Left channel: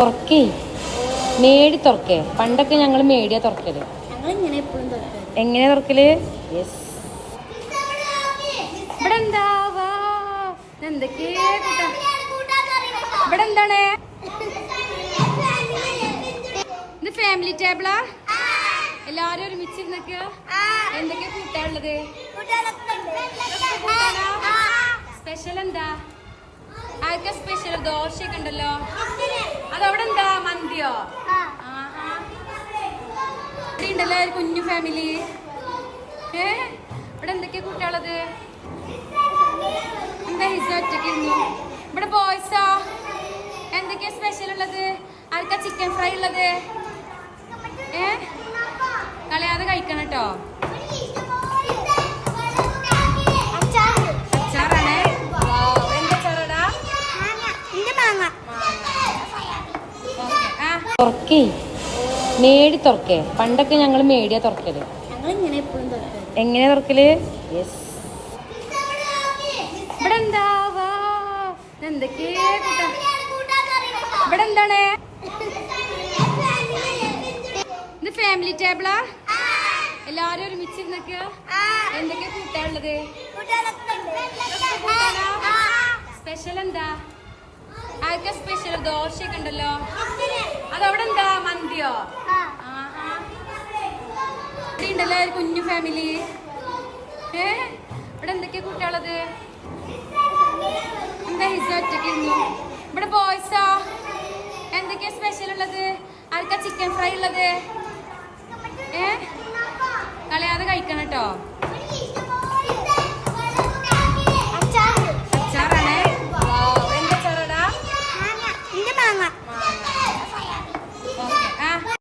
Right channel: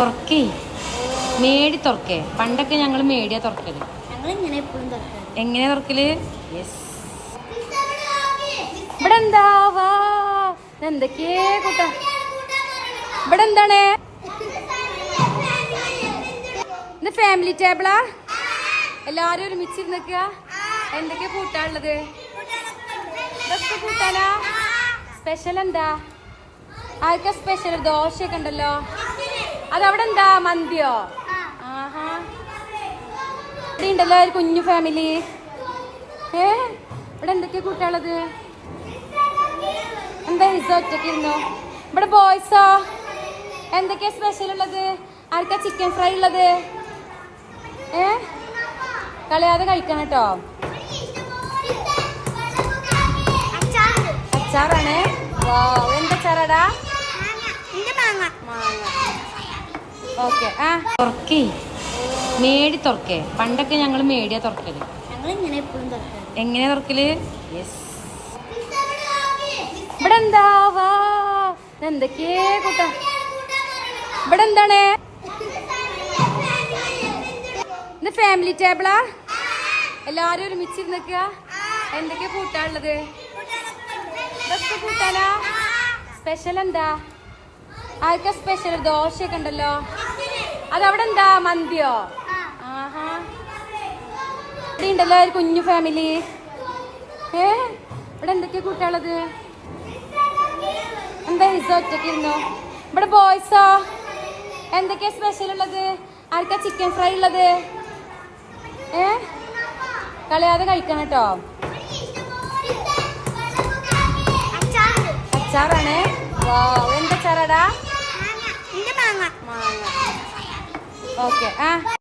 തുറക്കേ. മേടി തുറക്കേ. പണ്ടൊക്കെ ഞങ്ങൾ മേടിയാ തുറക്കൽ. എങ്ങനെ തുറക്കൽ? യെസ് ഇവിടെ എന്താ വാ എന്തൊക്കെയേ ഇവിടെ എന്താണ് ഇത് ഫാമിലി ടേബിളാ എല്ലാരും ഒരുമിച്ചിരുന്നൊക്കെ? എന്തൊക്കെയാ കൂട്ടാനുള്ളത്? സ്പെഷ്യൽ എന്താ? ആർക്കാ സ്പെഷ്യൽ ദോശയൊക്കെ ഉണ്ടല്ലോ. അതവിടെ എന്താ മന്തിയോ ഇവിടെ ഉണ്ടല്ലോ ഒരു കുഞ്ഞു ഫാമിലി ഏ? ഇവിടെ എന്തൊക്കെയാ കൂട്ടാളത് എന്താ ഹിസ ഒറ്റയ്ക്ക് ഇരുന്നോ? ഇവിടെ ബോയ്സോ എന്തൊക്കെയാ സ്പെഷ്യൽ ഉള്ളത്? ആർക്കാ ചിക്കൻ ഫ്രൈ ഉള്ളത്? ഏ? കളയാതെ കഴിക്കണം കേട്ടോ. തുറക്കേ. മേടി തുറക്കേ. പണ്ടൊക്കെ ഞങ്ങൾ മേടിയാ തുറക്കൽ. എങ്ങനെ തുറക്കൽ? യെസ് ഇവിടെ എന്താ വാ. എന്തൊക്കെയേ കൂട്ടാ ഇവിടെ എന്താണ് ഇത് ഫാമിലി ടേബിളാ എല്ലാരും ഒരുമിച്ചിരുന്നൊക്കെ? എന്തൊക്കെയാ കൂട്ടാനുള്ളത്? സ്പെഷ്യൽ എന്താ? ആർക്കാ സ്പെഷ്യൽ ദോശയൊക്കെ ഉണ്ടല്ലോ. അതവിടെ എന്താ മന്തിയോ ഇവിടെ ഉണ്ടല്ലോ ഒരു കുഞ്ഞു ഫാമിലി ഏ? ഇവിടെ എന്തൊക്കെയാ കൂട്ടാളത് എന്താ ഹിസ ഒറ്റയ്ക്ക് ഇരുന്നോ? ഇവിടെ ബോയ്സോ എന്തൊക്കെയാ സ്പെഷ്യൽ ഉള്ളത്? ആർക്കാ ചിക്കൻ ഫ്രൈ ഉള്ളത്? ഏ? കളയാതെ കഴിക്കണം കേട്ടോ.